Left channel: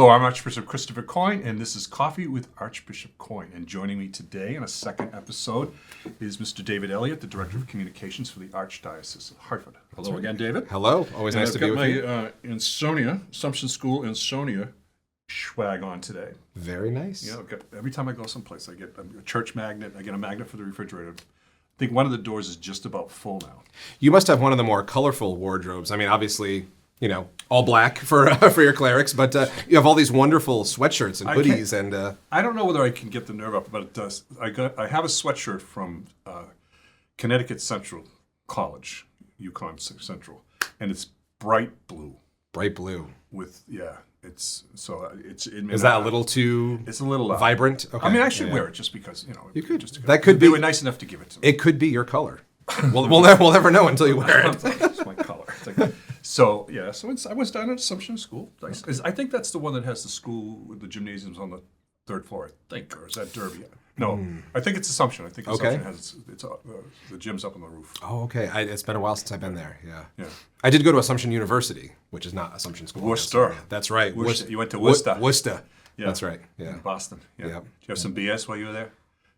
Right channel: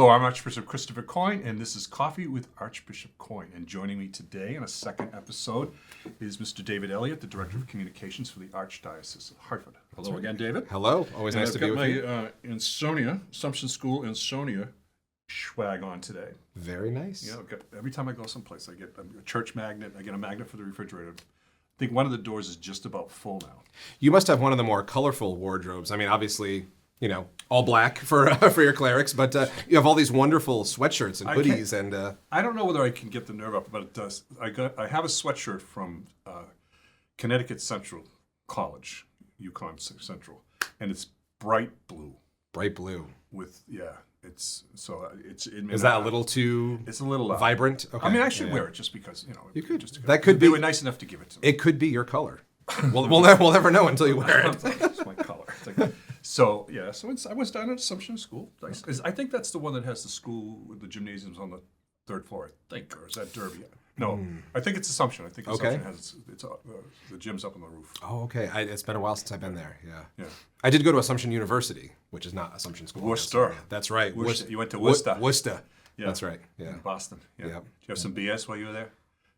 Hello, I'm Archbishop Christopher Coyne, and this is Coffee with Archbishop Coyne. And joining me today in a second episode is Mr. David Elliott, the Director of Communications for the Archdiocese of Hartford. Hello again, David. Hello. Always nice to be with you. I've got my Assumption School Insonia swag on today. Very nice. Yeah, every time I go someplace, I get a church magnet. I get a magnet for the refrigerator. I think one of the doors is just about full now. You must have one of the more colorful wardrobes. I mean, obviously, all black for your clerics, but you have all these wonderful sweatshirts and hoodies. I don't know whether I can get the nerve up, but it does. I have a sweatshirt from Connecticut Central College, Yukon Central, and it's bright blue. Bright blue. With it's. Is that a little too? It's a little vibrant. Okay. I mean, I should wear it just because you could. That could be. They were nice enough to give it to me. It could be your color. we'll never know until you wear it. It's my color. So I was down at Assumption School. I think that's the one that has the school with the gymnasiums on the third floor. I think, or is that Derby? No, I think it's Assumption. I think Assumption has the gym's up on the roof. Oh, okay. It's been a while since I've been there. Yeah. I did go to Assumption University, which is not Assumption School. Worcester. That's right. You went to Worcester. Worcester. Yeah. That's right. Yeah. In Bah-ston. Yeah. Yep. Did you have some BS while you were there?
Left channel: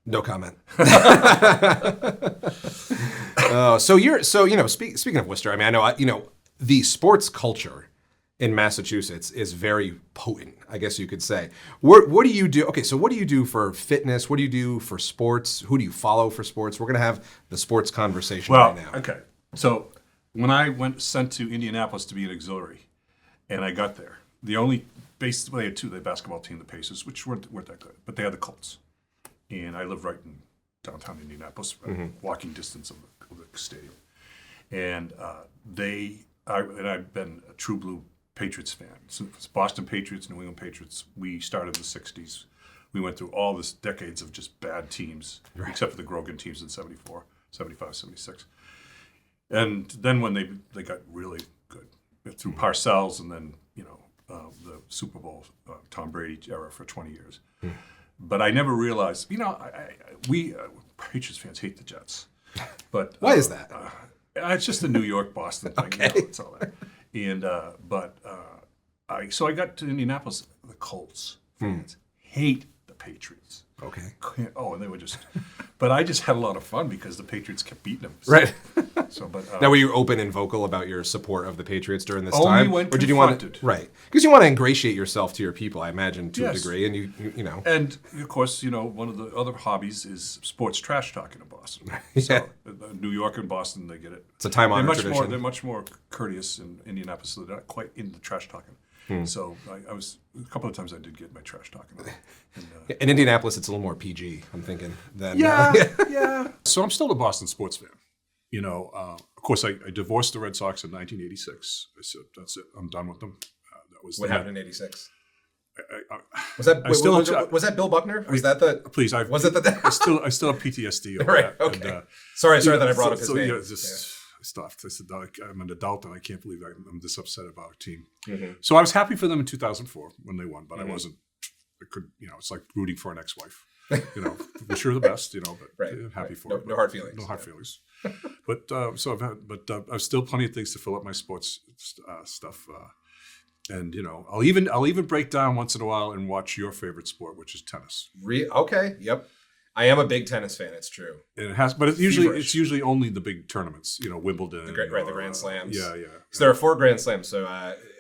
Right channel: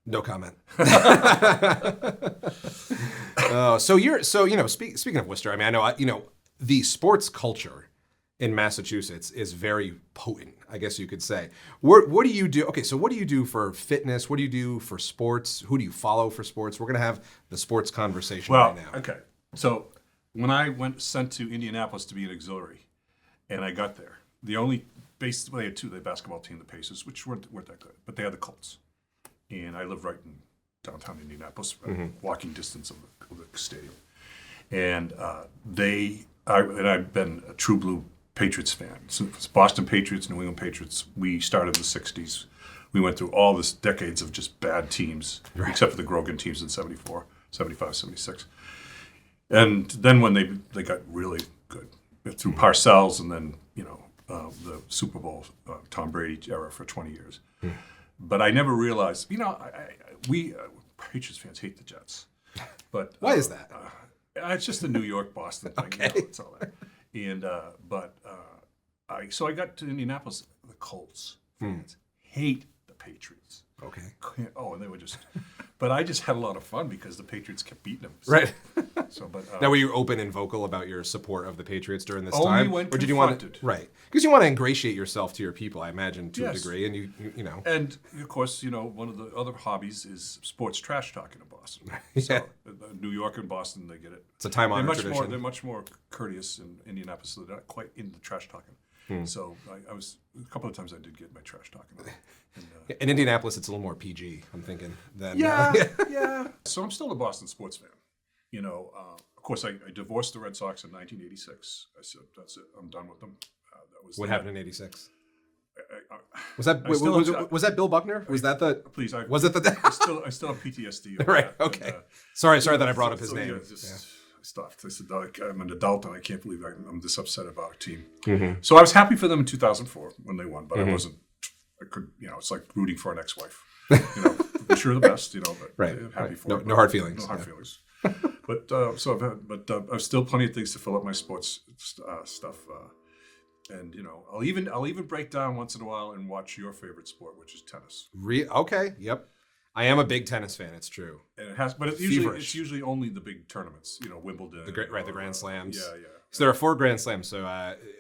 No comment. Speaking of Worcester, I mean, I know the sports culture in Massachusetts is very potent, I guess you could say. What do you do? Okay, so what do you do for fitness? What do you do for sports? Who do you follow for sports? We're going to have the sports conversation right now. Okay. So when I sent to Indianapolis to be an auxiliary, and I got there, they had two, the basketball team, the Pacers, which weren't that good, but they had the Colts. And I live right in downtown Indianapolis, walking distance of the stadium. And I've been a true blue Patriots fan. So it's Boston Patriots, New England Patriots. We started in the 60s. We went through all this decades of just bad teams, except for the Grogan teams in 74, 75, 76. And then when they got really good, through Parcells and then, the Super Bowl, Tom Brady era for 20 years. But I never realized, we Patriots fans hate the Jets. But why is that? It's just a New York Boston thing. Okay. It's all that. And I got to Indianapolis. The Colts fans hate the Patriots. Okay. Oh, and they were just. But I just had a lot of fun because the Patriots kept beating them. So, right. Now, were you open and vocal about your support of the Patriots during this only time? When or did you want to? Right. Because you want to ingratiate yourself to your people, I imagine, to a degree, and you know. And of course, one of the other hobbies is sports trash talking in Boston. Yeah. So New York and Boston, they get it. It's a time-honored tradition. They're much more courteous in Indianapolis, so they're not quite into trash talking. So I was a couple of times I did get my trash talking on. In Indianapolis, it's a little more PG, I'm thinking. Yeah. So I'm still a Boston sports fan. Of course, I divorced the Red Sox in 1986. I said, that's it. I'm done with them. What happened in '86? Was that Bill Buckner? Was that the? Please, I still have PTSD. Over right. that. Okay. Sorry that I brought up his name. I stopped. I said, I'm an adult and I can't believe I'm this upset about our team. Mm-hmm. So I was happy for them in 2004 when they won, but I wasn't. I could, it's like rooting for an ex-wife. Wish her the best, but right. happy for her. No hard feelings. No hard feelings. But I've still plenty of things to fill up my sports stuff. And I'll even break down once in a while and watch your favorite sport, which is tennis. Okay. Yep. I am a big tennis fan. It's true. And it has, but it's usually only the big tournaments. Wimbledon. The Grand Slams. Yeah. So there are 4 Grand Slams. So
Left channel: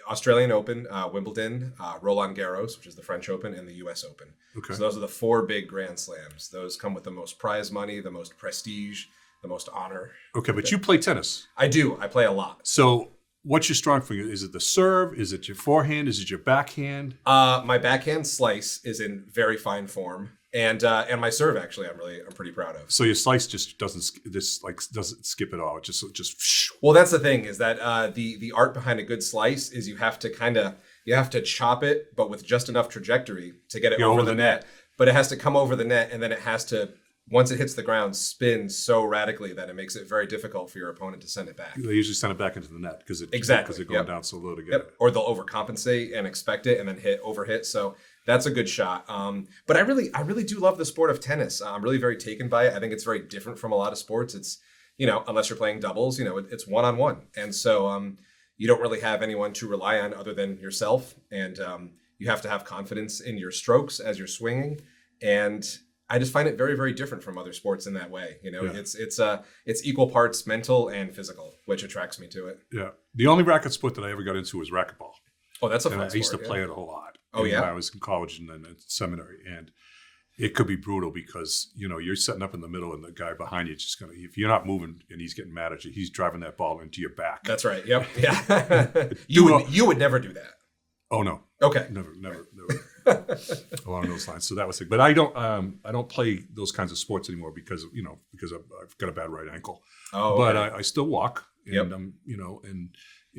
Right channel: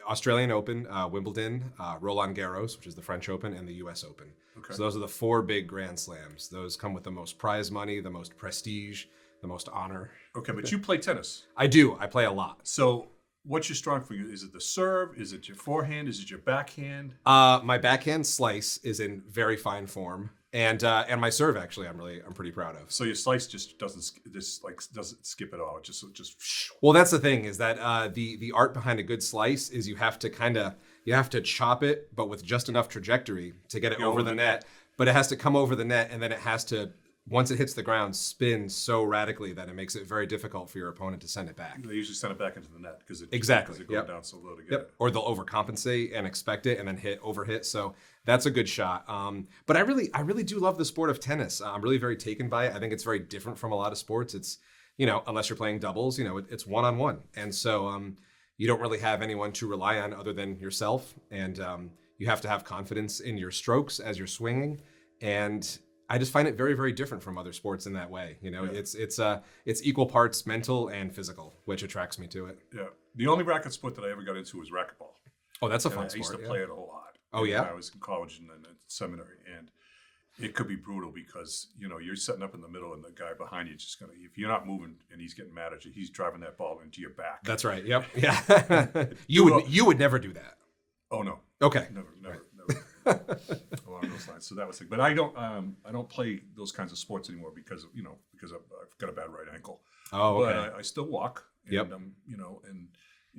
Australian Open, Wimbledon, Roland Garros, which is the French Open, and the U.S. Open. Okay. So those are the 4 big Grand Slams. Those come with the most prize money, the most prestige, the most honor. Okay, but you play tennis. I do. I play a lot. So what's your strong for you? Is it the serve? Is it your forehand? Is it your backhand? My backhand slice is in very fine form, and my serve actually I'm pretty proud of. So your slice just doesn't skip at all. It just. Well, that's the thing is that the art behind a good slice is you have to chop it, but with just enough trajectory to get it over the net. But it has to come over the net, and then it has to, once it hits the ground, spin so radically that it makes it very difficult for your opponent to send it back. They usually send it back into the net because they're going down so low to get it. Or they'll overcompensate and expect it and then overhit. So that's a good shot. But I really do love the sport of tennis. I'm really very taken by it. I think it's very different from a lot of sports. It's, unless you're playing doubles, it's one-on-one. And so you don't really have anyone to rely on other than yourself. And You have to have confidence in your strokes as you're swinging, and I just find it very, very different from other sports in that way. You know, it's equal parts mental and physical, which attracts me to it. Yeah. The only racket sport that I ever got into was racquetball. Oh, that's a And fun I sport. used to play it a whole lot. Oh, yeah? When I was in college and then in seminary. And it could be brutal because, you know, you're setting up in the middle and the guy behind you is just going to, if you're not moving and he's getting mad at you, he's driving that ball into your back. That's right. Yep. Yeah. you would never do that. Oh, no. Okay. Never. Along those lines. So that was it. But I don't play those kinds of sports anymore because I've got a bad right ankle. Oh, okay. But I still walk. And, Yep.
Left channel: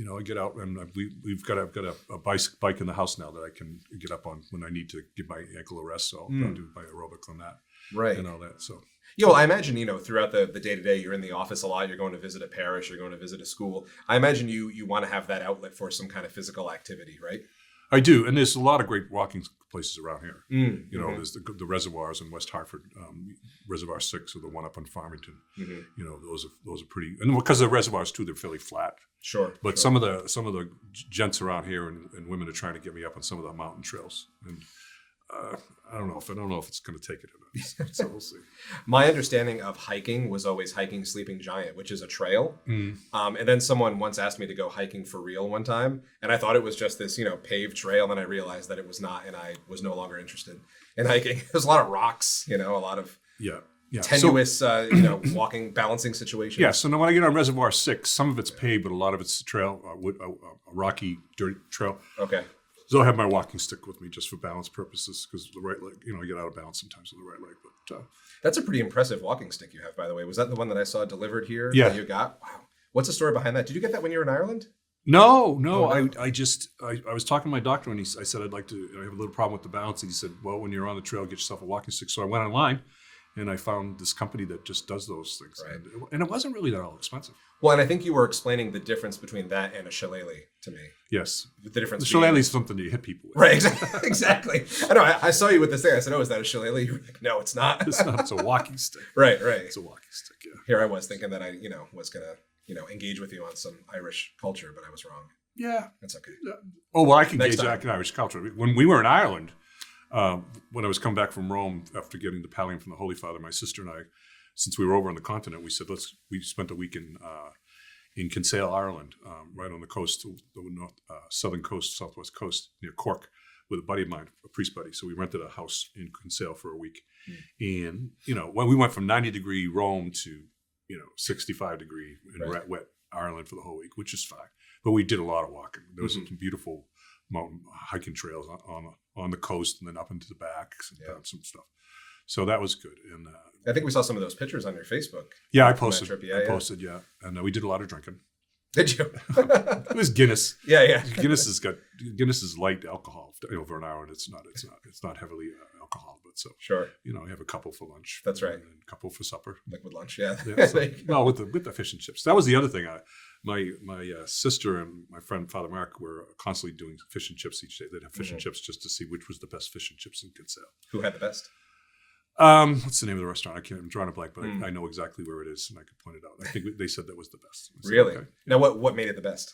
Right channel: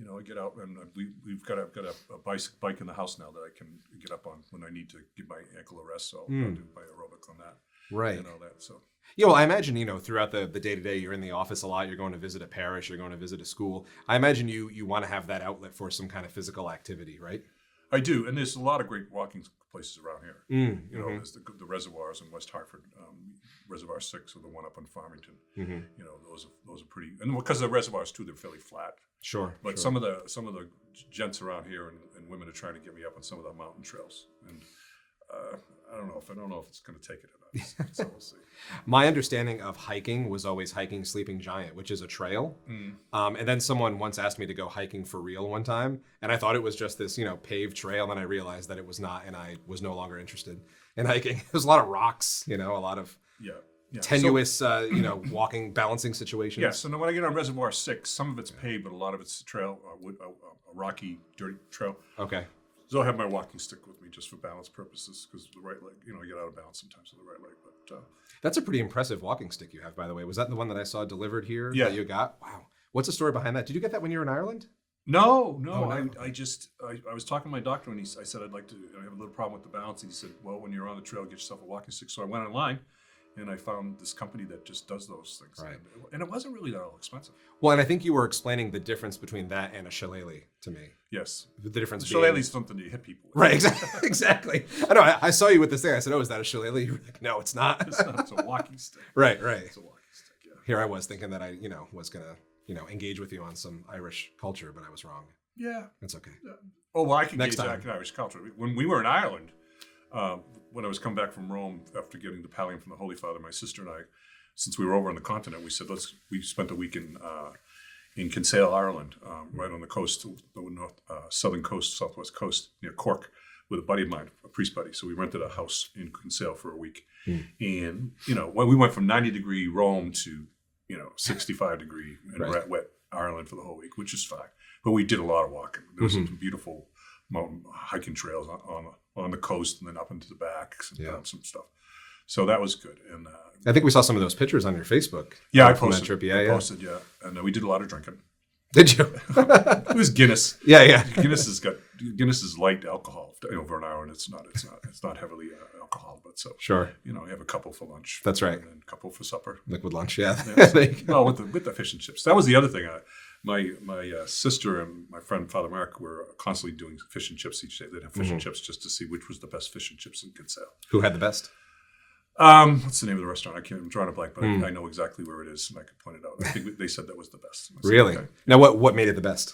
I get out and I've got a bike in the house now that I can get up on when I need to give my ankle a rest. So I'll do my aerobic on that. Right. And all that. So. Yeah, well, I imagine, throughout the day-to-day, you're in the office a lot, you're going to visit a parish, you're going to visit a school. I imagine you want to have that outlet for some kind of physical activity, right? I do, and there's a lot of great walking places around here. Mm-hmm. There's the reservoirs in West Hartford, Reservoir 6 or the one up in Farmington. Mm-hmm. Those are pretty, and because the reservoirs too, they're fairly flat. Sure. But some of the gents around here and women are trying to get me up on some of the mountain trails, and I don't know if it's going to take it or not. So we'll see. My understanding of hiking was always hiking Sleeping Giant, which is a trail. And then someone once asked me to go hiking for real one time, and I thought it was just this, paved trail, and I realized that it was not, and I was no longer interested in hiking. There's a lot of rocks, a lot of tenuous, walking, balancing situations. Yeah. So now when I get on Reservoir 6, some of it's paved, but a lot of it's trail, a rocky, dirty trail. Okay. So I have my walking stick with me just for balance purposes because the right leg, I get out of balance sometimes with the right leg. But that's a pretty impressive walking stick you have, by the way. Was that the one that I saw delivered here? Yeah. That you got? Wow. What's the story behind that? Did you get that when you were in Ireland? No. Oh, no. I was talking to my doctor and I said, I have a little problem with the balance. And he said, well, when you're on the trail, get yourself a walking stick. So I went online and I found this company that just does those things. Right. And it wasn't really that all expensive. Well, and I think you were explaining the difference between that and a shillelagh to me. Yes. The difference. The shillelagh is something you hit people with. Right, exactly. I know. I saw you with this thing. I said, "Oh, is that a shillelagh?" You were like, "No, it's not." It's not. It's a walking stick. Right. It's a walking stick. Yeah. Here I was thinking that I, was gonna, engage with you on some Irish culture, but I was wrong. Yeah. That's okay. Yeah. Oh well, I can Next engage time. in Irish culture. When we were in Ireland, when I was coming back from Rome after getting the pallium from the Holy Father, my sister and I, since we were over on the continent, we said we spent a week in Kinsale, Ireland, right on the coast, the north, southern coast, southwest coast, near Cork, with a buddy of mine, a priest buddy. So we rented a house in Kinsale for a week. And, when we went from 90-degree Rome to, 65-degree and wet Ireland for the whole week, which is fine. But we did a lot of walking. There was some beautiful mountain hiking trails on the coast and then up into the back, some stuff. So that was good. And I think we saw some of those pictures on your Facebook. Yeah, I from posted. That trip. I posted, yeah. And we did a lot of drinking. Did you? It was Guinness. Yeah. Guinness is light alcohol over in Ireland. It's not heavily alcohol, but so sure. I have a couple for lunch. That's right. And a couple for supper. Liquid lunch, yeah. So, well, with the fish and chips. That was the other thing. My sister and my friend Father Mark were constantly doing fish and chips each day. They'd have fish and chips just to see which was the best fish and chips in Kinsale. Who had the best? What's the name of the restaurant? I'm drawing a blank, but I know exactly where it is, and I could point it out. I think they said that was the best. Said, really? Okay. Now, what made it the best?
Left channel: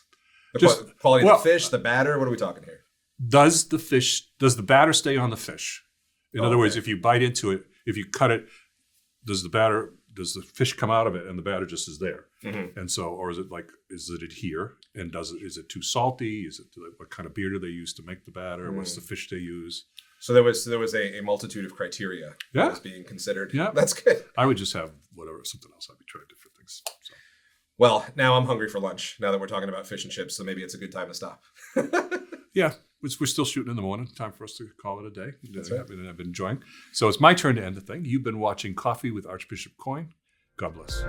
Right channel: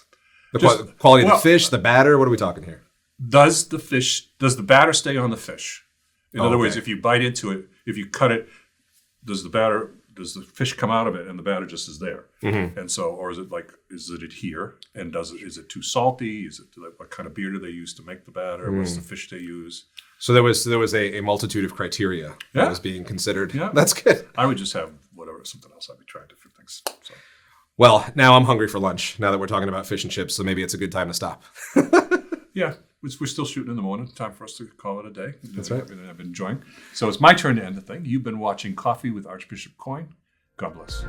The quality of the fish, the batter. What are we talking here? Does the batter stay on the fish? In other words, if you bite into it, if you cut it, does the fish come out of it and the batter just is there? And so, or is it adhere? And is it too salty? What kind of beer do they use to make the batter? What's the fish they use? So there was a multitude of criteria that was being considered. Yeah. That's good. I would just have something else. I'd be trying different things. So. Well, now I'm hungry for lunch, now that we're talking about fish and chips, so maybe it's a good time to stop. Yeah, we're still shooting in the morning. Time for us to call it a day. That's right. I've been enjoying. So it's my turn to end the thing. You've been watching Coffee with Archbishop Coyne. God bless.